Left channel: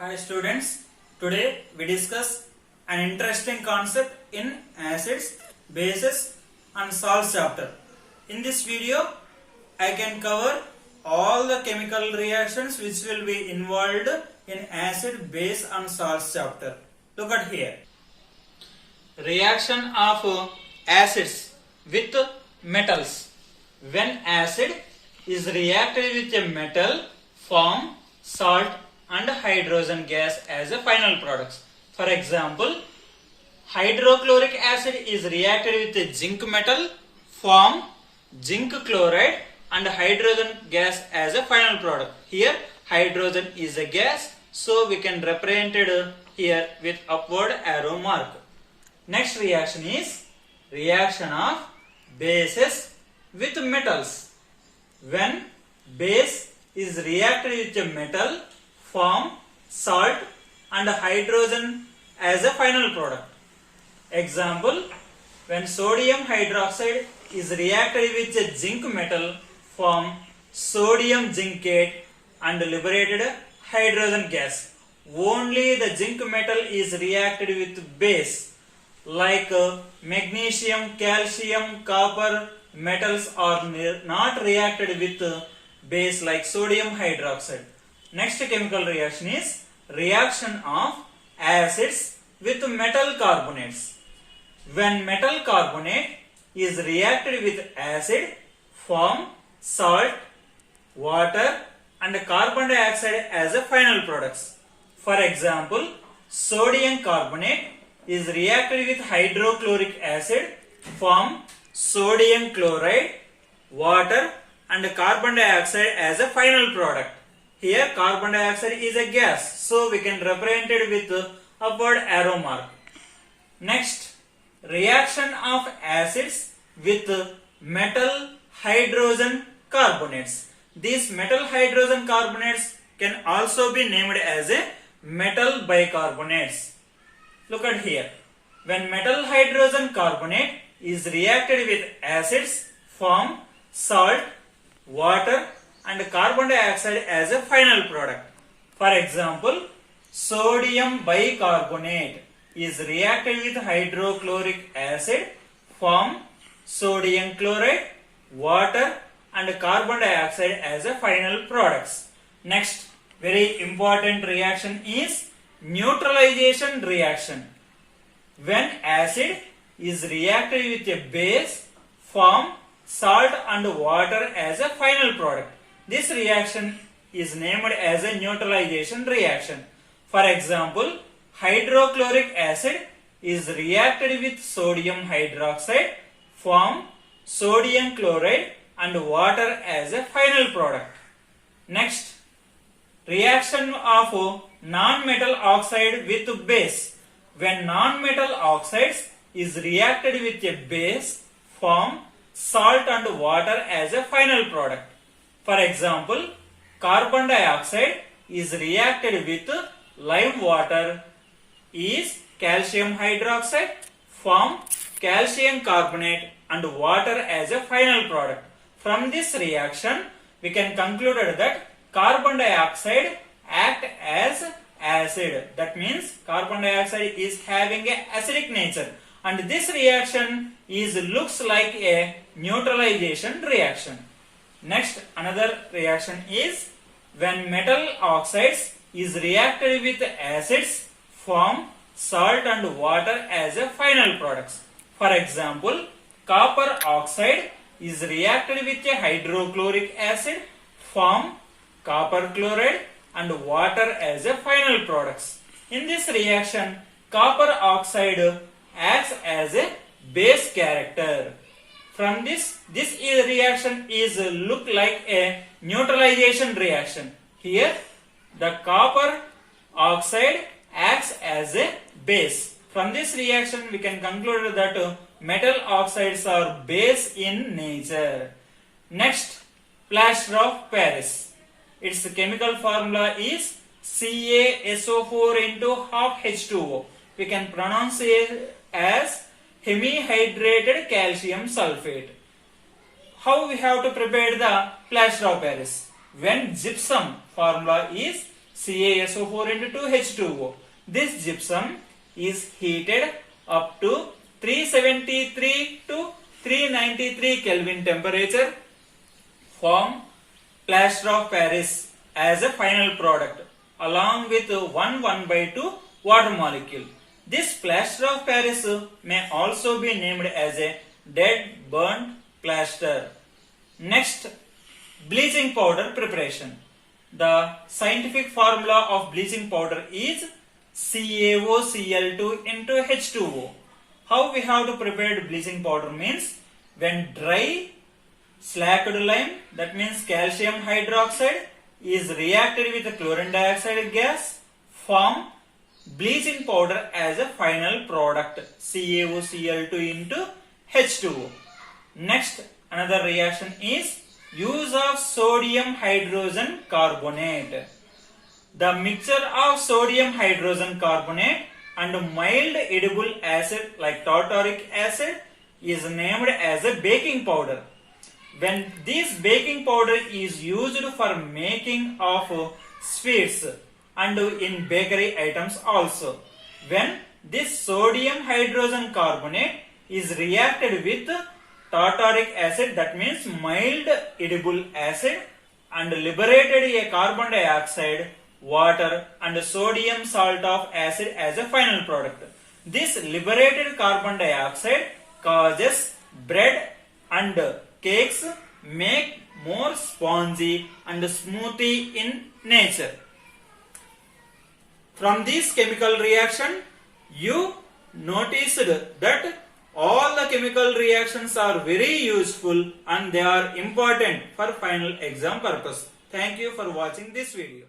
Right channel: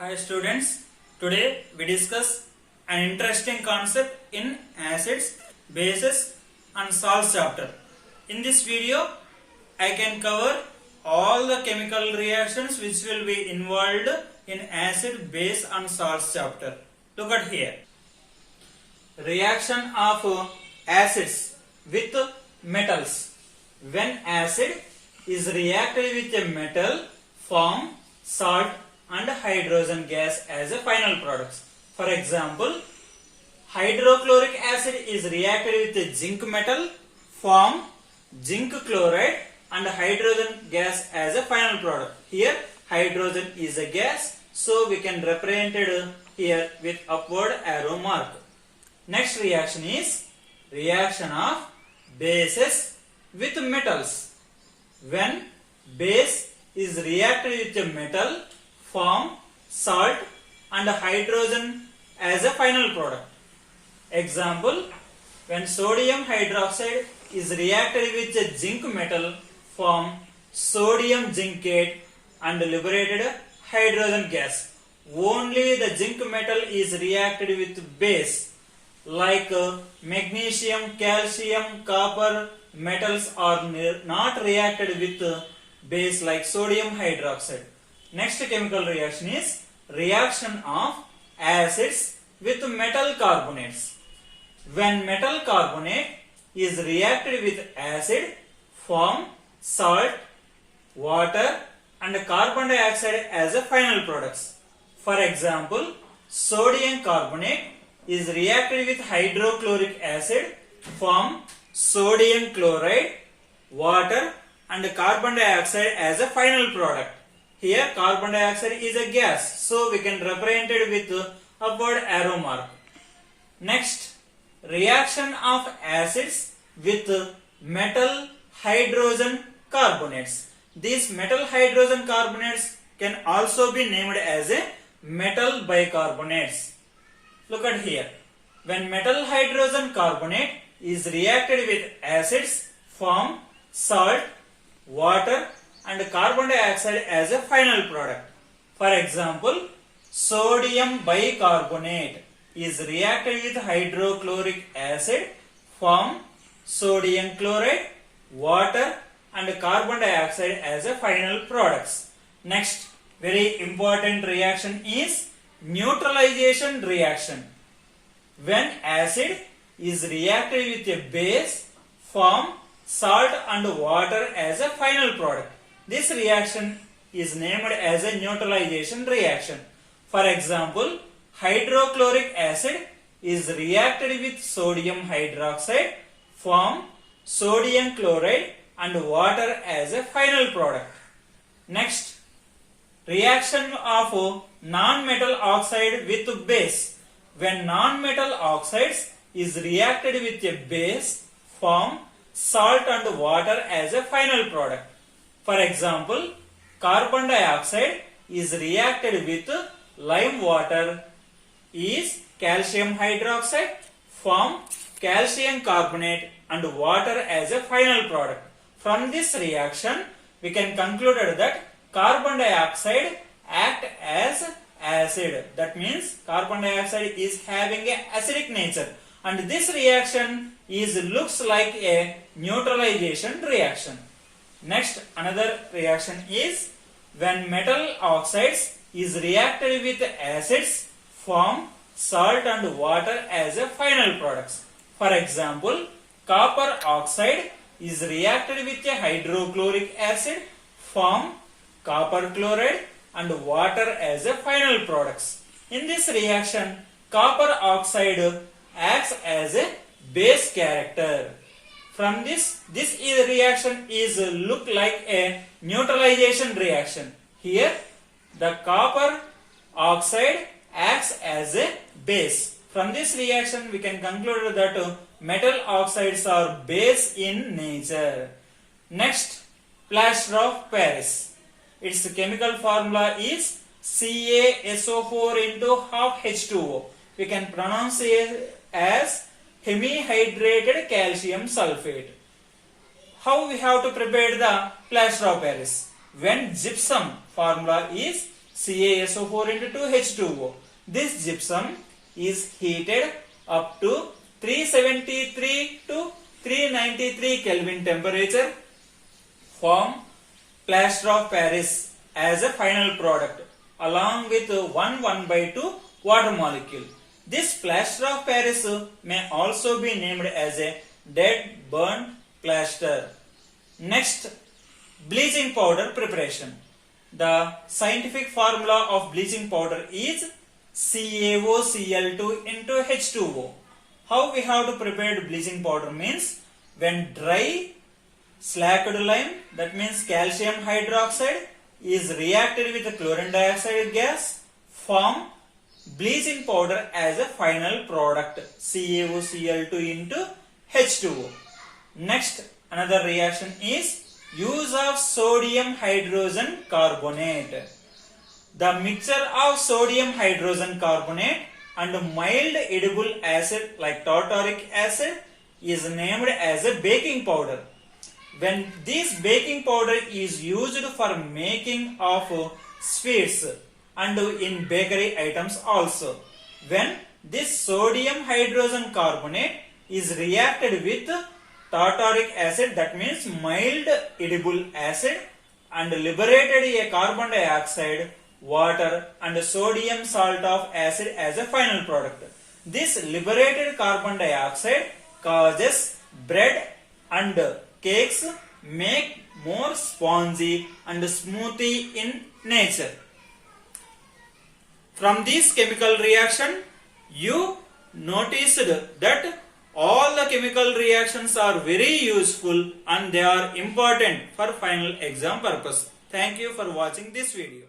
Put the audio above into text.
Hi students, today we discuss an interesting concept in acids, bases and salts chapter. In this video, I can cover all the chemical reactions which will be involved in acid, base and salts chapter. Look at here. Reaction of acids with metals. When acid is reacted with a metal, form salt and hydrogen gas as a final products. For example, hydrochloric acid is reacted with a zinc metal, form zinc chloride and hydrogen gas as a final product. Here hydrogen is a gas, so we can represent it here with upward arrow mark. Next reaction is reaction of bases with metals. When base is reacted with a metal, form salt and hydrogen as a final product. Example, when sodium hydroxide is reacted with a zinc metal, form sodium zincate and liberated hydrogen gas. Only the zinc metal is reacted with base, like magnesium, calcium, copper metals are not reacted with base like sodium hydroxide. Next chemical reaction is reaction of acids with metal carbonates. When metal carbonate is reacted with acid, form salt, water and carbon dioxide as a final products. For example, sodium carbonate is reacted with hydrochloric acid, form sodium chloride, water and carbon dioxide as a final product. Here carbon dioxide is a gas, so we can represent it with upward arrow mark. Next, reaction of acids with metal hydrogen carbonates. These metal hydrogen carbonates can also be named as a metal bicarbonates. Look at here. When metal hydrogen carbonate is reacted with acids, form salt, water and carbon dioxide as a final product. For example, sodium bicarbonate is reacted with hydrochloric acid, form sodium chloride, water and carbon dioxide as a final products. Next, very important reaction is neutralization reaction. When acid is reacted with a base, form salt and water as a final product. This reaction is named as a neutralization reaction. For example, hydrochloric acid is reacted with sodium hydroxide, form sodium chloride and water as a final product. Next, reaction of non-metal oxide with base. When non-metal oxides is reacted with a base, form salt and water as a final product. For example, carbon dioxide is reacted with lime water is calcium hydroxide, form calcium carbonate and water as a final product. From this reaction, we can conclude that carbon dioxide act as acid. That means carbon dioxide is having a acidic nature, and this reaction looks like a neutralization reaction. Next, another reaction is when metal oxides is reacted with acids, form salt and water as a final products. For example, copper oxide is reacted with a hydrochloric acid, form copper chloride and water as a final products. In this reaction, copper oxide acts as a base character. From this reaction look like a neutralization reaction. Here, the copper oxide acts as a base. From this reaction, we can conclude that metal oxides are base in nature. Next, plaster of Paris. Its chemical formula is CaSO4 into half H2O. We can pronounce it as hemihydrated calcium sulfate. How we have to prepare the plaster of Paris? When gypsum formula is CaSO4 into 2H2O. This gypsum is heated up to 373 to 393 Kelvin temperature, form plaster of Paris as a final product along with 1/2 water molecule. This plaster of Paris may also be named as a dead burnt plaster. Next, bleaching powder preparation. The scientific formula of bleaching powder is CaOCl2 into H2O. How we have to prepare bleaching powder means, when dry slacked lime, that means calcium hydroxide, is reacted with chlorine dioxide gas, form bleaching powder as a final product, CaOCl2 into H2O. Next, another reaction is use of sodium hydrogen carbonate. The mixture of sodium hydrogen carbonate and mild edible acid like tartaric acid is named as a baking powder. When this baking powder is used for making of sweets and in bakery items also, when this sodium hydrogen carbonate is reacted with tartaric acid, that means mild edible acid, and liberated a carbon dioxide, water and sodium salt of acid as a final product. This liberated carbon dioxide causes bread and cakes make more spongy and smoothy in nature. From this chemical reaction, you noticed that all the chemical reactions are very useful and they are important for final exam purpose. Thank you for watching this video.